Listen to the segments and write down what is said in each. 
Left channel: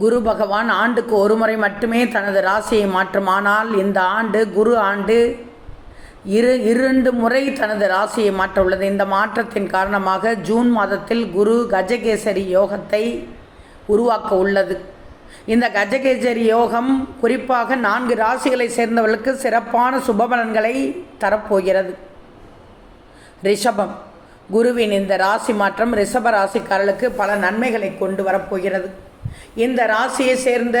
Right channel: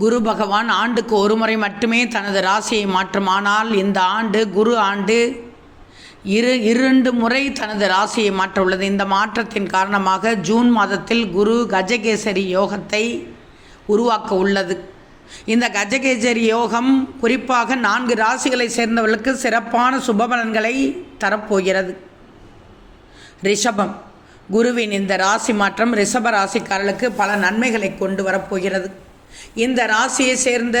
குரு பகவான் ஆண்டுக்கு ஒரு முறை மட்டுமே தனது ராசியை மாற்றும். ஆனால் இந்த ஆண்டு குரு ஆண்டு இரண்டு முறை தனது ராசியை மாற்ற உள்ளது. இந்த மாற்றத்தின் காரணமாக ஜூன் மாதத்தில் குரு கஜகேசரி யோகத்தை உருவாக்க உள்ளது. இந்த கஜகேசரி யோகம் குறிப்பாக 4 ராசிகளை சேர்ந்தவர்களுக்கு சிறப்பான சுபபலன்களை தரப்போகிறது. ரிஷபம். குருவின் இந்த ராசி மாற்றம் ரிஷப ராசிக்காரர்களுக்கு பல நன்மைகளை கொண்டு வரப்போகிறது. இந்த ராசியை சேர்ந்த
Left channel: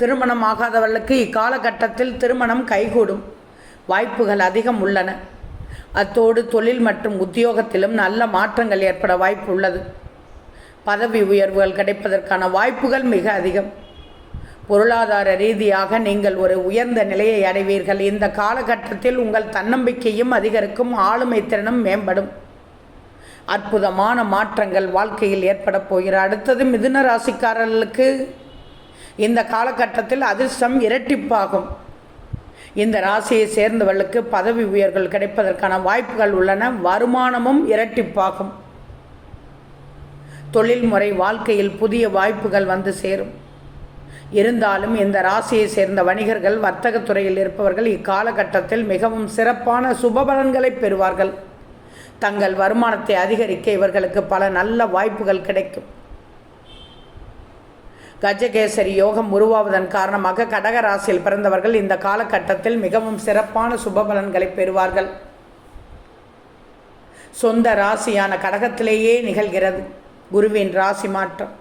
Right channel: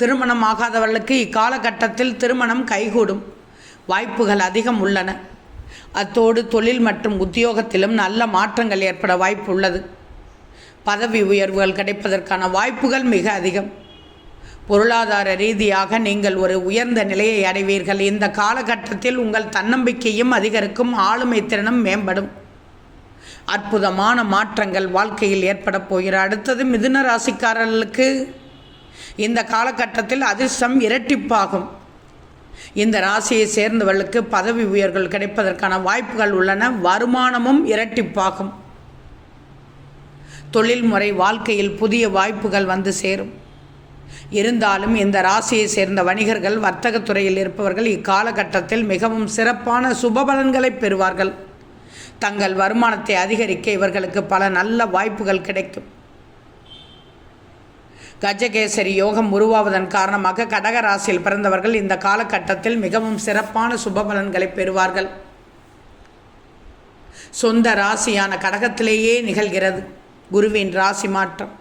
திருமணமாகாதவர்களுக்கு இக்காலகட்டத்தில் திருமணம் கைகூடும் வாய்ப்புகள் அதிகம் உள்ளன. அத்தோடு தொழில் மற்றும் உத்தியோகத்திலும் நல்ல மாற்றங்கள் ஏற்பட வாய்ப்பு உள்ளது. பதவி உயர்வுகள் கிடைப்பதற்கான வாய்ப்புகள் மிக அதிகம். பொருளாதார ரீதியாக நீங்கள் ஒரு உயர்ந்த நிலையை அடைவீர்கள். இந்த காலகட்டத்தில் உங்கள் தன்னம்பிக்கையும் அதிகரிக்கும், ஆளுமை திறனும் மேம்படும். அற்புதமான மாற்றங்கள் வாழ்க்கையில் ஏற்பட போகிற. அடுத்தது மிதுன ராசிக்காரர்களுக்கு இந்த காலகட்டத்தில் அதிர்ஷ்டம் இரட்டிப்பாகும். இந்த ராசியை சேர்ந்தவர்களுக்கு பதவி உயர்வுகள் கிடைப்பதற்கான வாய்ப்புகள் உள்ளன. வருமானமும் இரட்டிப்பாகும். தொழில்முறை வாழ்க்கையில் புதிய வாய்ப்புகள் வந்து சேரும். இருந்தாலும் இந்த ராசியை சேர்ந்த வணிகர்கள், வர்த்தகத்துறையில் இருப்பவர்கள் இக்காலகட்டத்தில் மிகவும் சிறப்பான சுபபலன்களை பெறுவார்கள். தங்கள் வருமானத்தை அதிகரிக்க இவர்களுக்கு பல நல்ல வாய்ப்புகள் கிடைக்கும். கஜகேசரி யோகம் உருவாவதன் காரணமாக கடக ராசியில் பிறந்தவர்கள் இந்த காலகட்டத்தில் மிகவும் சிறப்பான சுபபலன்களை பெறுவார்கள். சொந்த ராசியான கடகத்திலேயே நிகழ்கிறது குருவின் ராசி மாற்றம்.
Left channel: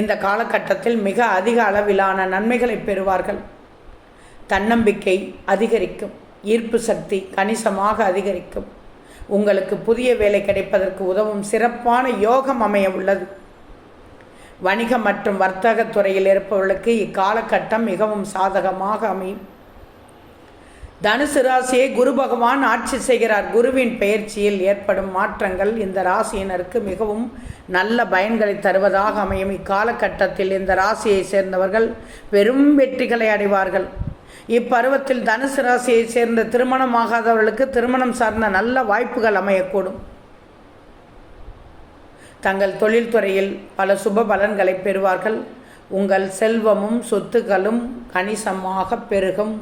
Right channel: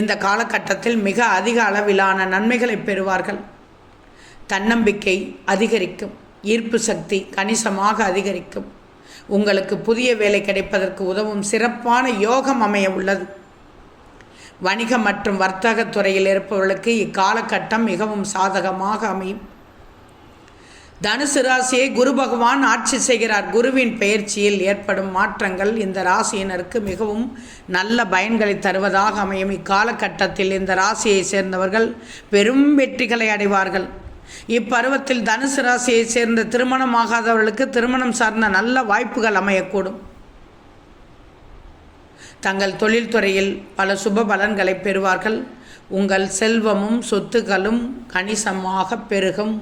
இந்த காலகட்டத்தில் மிக அதிக அளவிலான நன்மைகளை பெறுவார்கள். தன்னம்பிக்கை அதிகரிக்கும். ஈர்ப்பு சக்தி கணிசமாக அதிகரிக்கும். உங்களுக்கு புதிய வேலை கிடைப்பதற்கு உதவும் சிறப்பான யோகம் அமைய உள்ளது. வணிக மற்றும் வர்த்தக துறையில் இருப்பவர்களுக்கு இக்காலகட்டம் மிகவும் சாதகமாக அமையும். தனுசு ராசியை குரு பகவான் ஆட்சி செய்கிறார். குருவின் பெயர்ச்சியில் ஏற்படும் மாற்றங்கள் இந்த ராசியினருக்கு மிகவும் நல்ல பயன்களை தருவதாக அமையும். இக்காலகட்டத்தில் இந்த ராசியை சேர்ந்தவர்கள் பெரும் வெற்றிகளை அடைவார்கள். இப்பருவத்தில் தனுசு ராசியை சேர்ந்த திருமணமாகாதவர்களுக்கு திருமணம் சார்ந்த நல்ல வாய்ப்புகள் அமையக்கூடும். தங்கள் தொழில்துறையில் பல சுப பலன்களை பெறுவார்கள். உங்கள் செல்வமும் சொத்துக்களும் கணிசமாக பெருகும்.